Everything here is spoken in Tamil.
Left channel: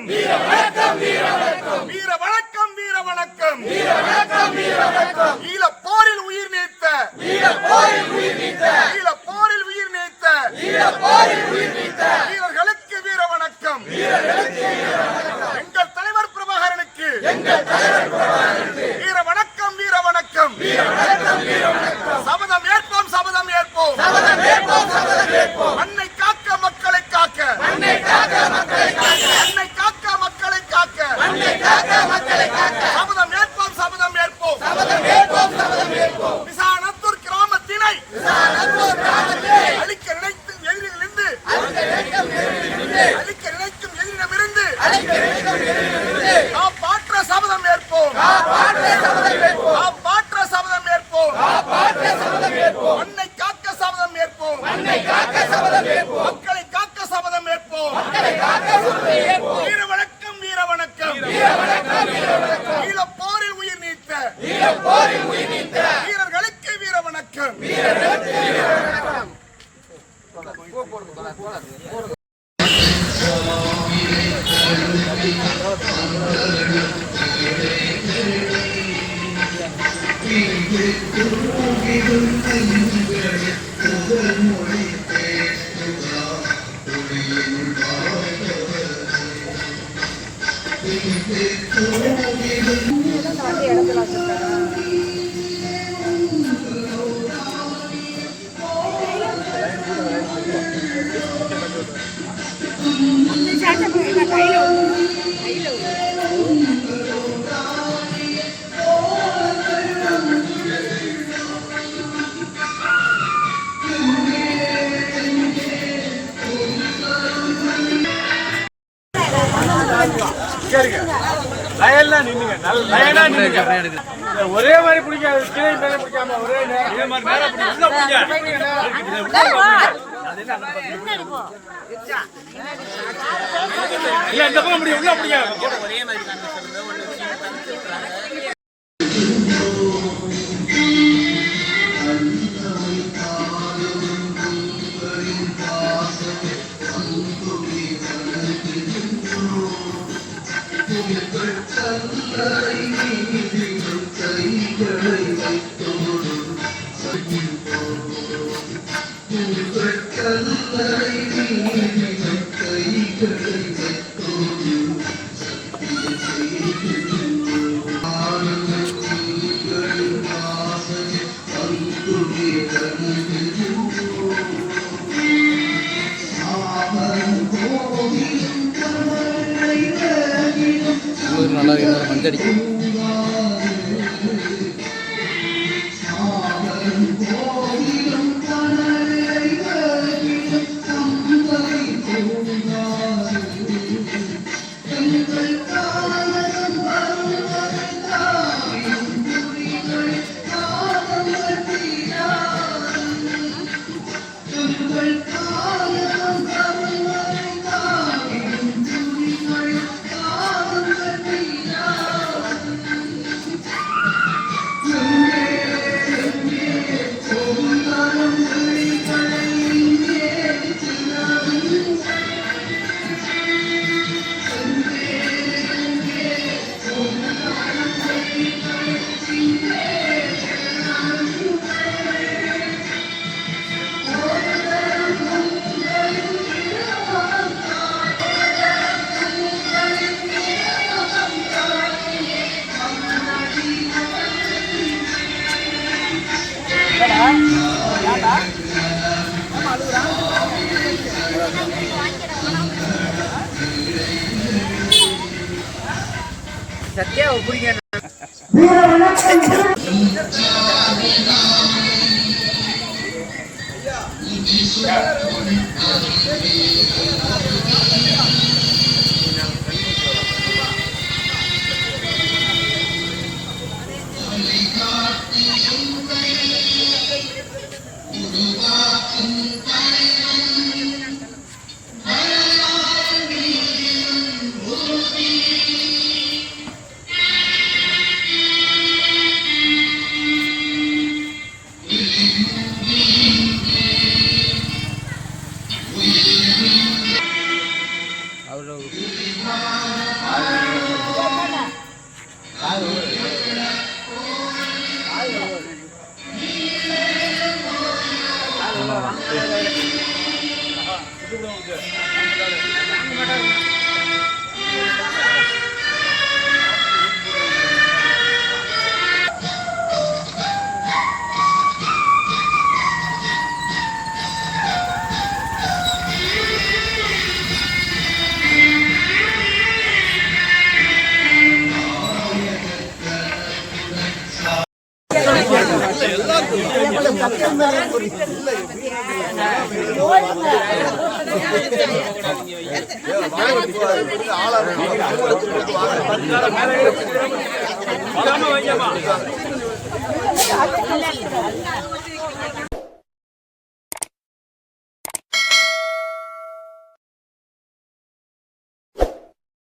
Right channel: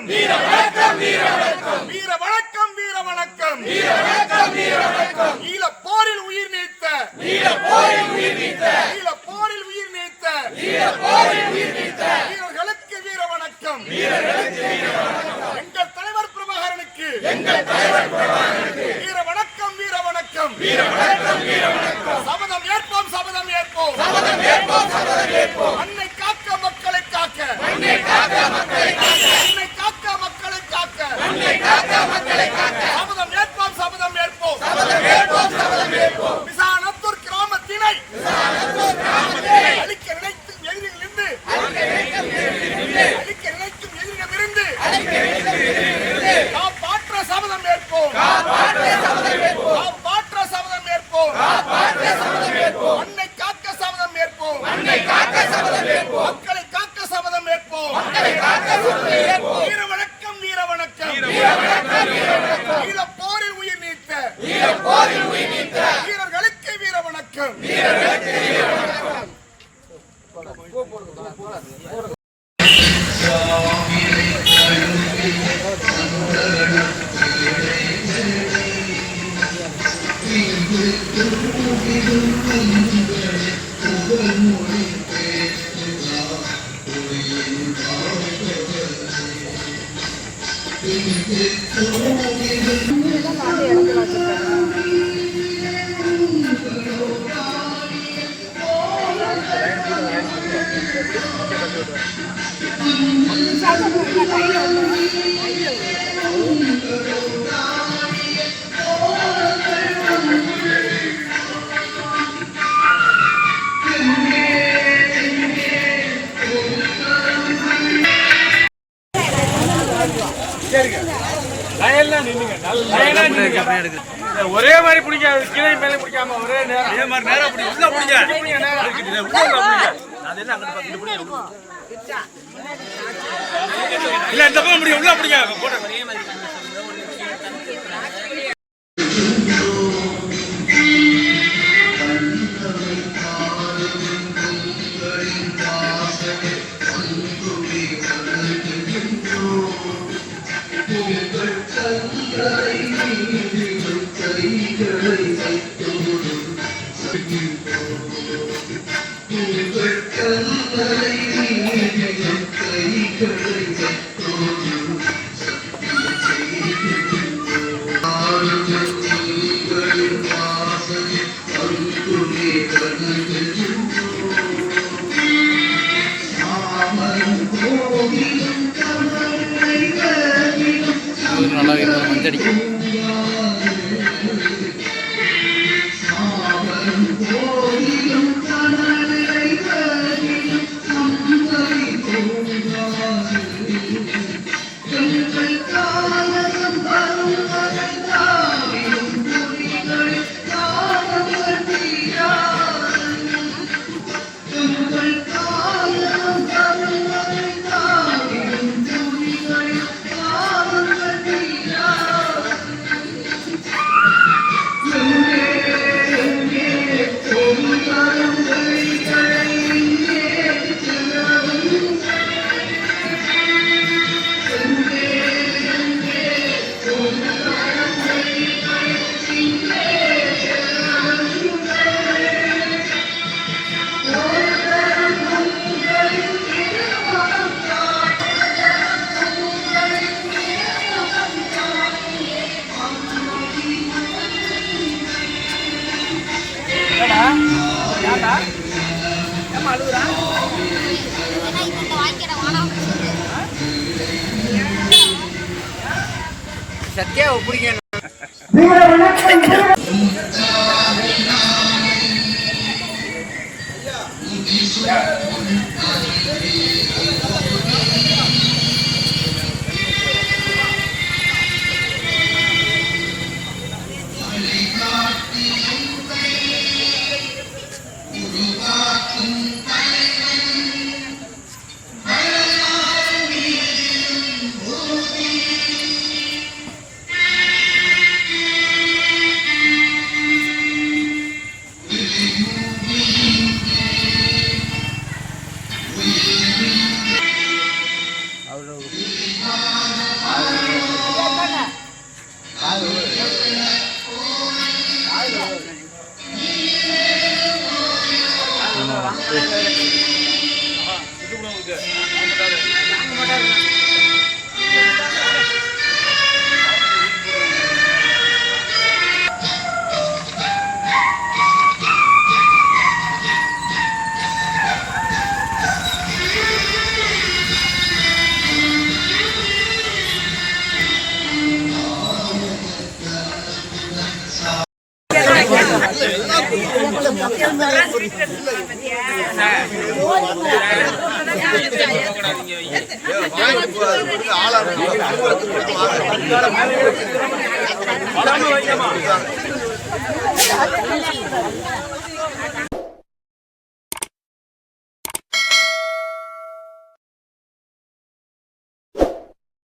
வணக்கம் வீர வணக்கம் வீர வணக்கம் வீர வணக்கம் வீர வணக்கம் வீர வணக்கம் வீர வணக்கம் ஈழ போரில் உயிர் நீத்த ஈழ போரில் உயிர் நீத்த ஈழ போரில் உயிர் நீத்த ஈழ போரில் உயிர் நீத்த வீரர்களுக்கு வீர வணக்கம் வீரர்களுக்கு வீர வணக்கம் எங்கள் தலைவர் பிரபாகரனுக்கு வீர வணக்கம் வீர வணக்கம் வீர வணக்கம் வீர வணக்கம் சபதம் ஏற்போம் சபதம் ஏற்போம் சபதம் ஏற்போம் சபதம் ஏற்போம் மண்ணை காக்க மக்களை காக்க மண்ணை காக்க மக்களை காக்க மண்ணை காக்க மக்களை காக்க மண்ணை காக்க மக்களை காக்க சபதம் ஏற்போம் சபதம் ஏற்போம் சபதம் ஏற்போம் சபதம் ஏற்போம் விசானத்தூர் கிராமத்தினை அழிக்க நினைக்கும் எதிரிலிருந்து அழிக்க நினைக்கும் எதிரிடமிருந்து காப்பாற்ற சபதம் ஏற்போம் காப்பாற்ற சபதம் ஏற்போம் காப்பாற்ற சபதம் ஏற்போம் காப்பாற்ற சபதம் ஏற்போம் மண்ணை காக்க சபதம் ஏற்போம் மண்ணை காக்க சபதம் ஏற்போம் மக்களை காக்க சபதம் ஏற்போம் மக்களை காக்க சபதம் ஏற்போம் வீர வணக்கம் வீர வணக்கம் வீர வணக்கம் வீர வணக்கம் ஈழ போரில் உயிர் நீத்த ஈழ போரில் உயிர் நீத்த வீரர்களுக்கு வீர வணக்கம் வீரர்களுக்கு வீர வணக்கம் ஒரே மாதிரி பிடிக்காது கீழே மேலே பிடிக்காம ஒரே நேரம் மாதிரி நேரம் இல்ல இந்த பக்கம் முடியும் உள்ள பிடிக்க நல்லா மஞ்சடிக்கும் சத்தியா பிடிக்க அவ்வளோ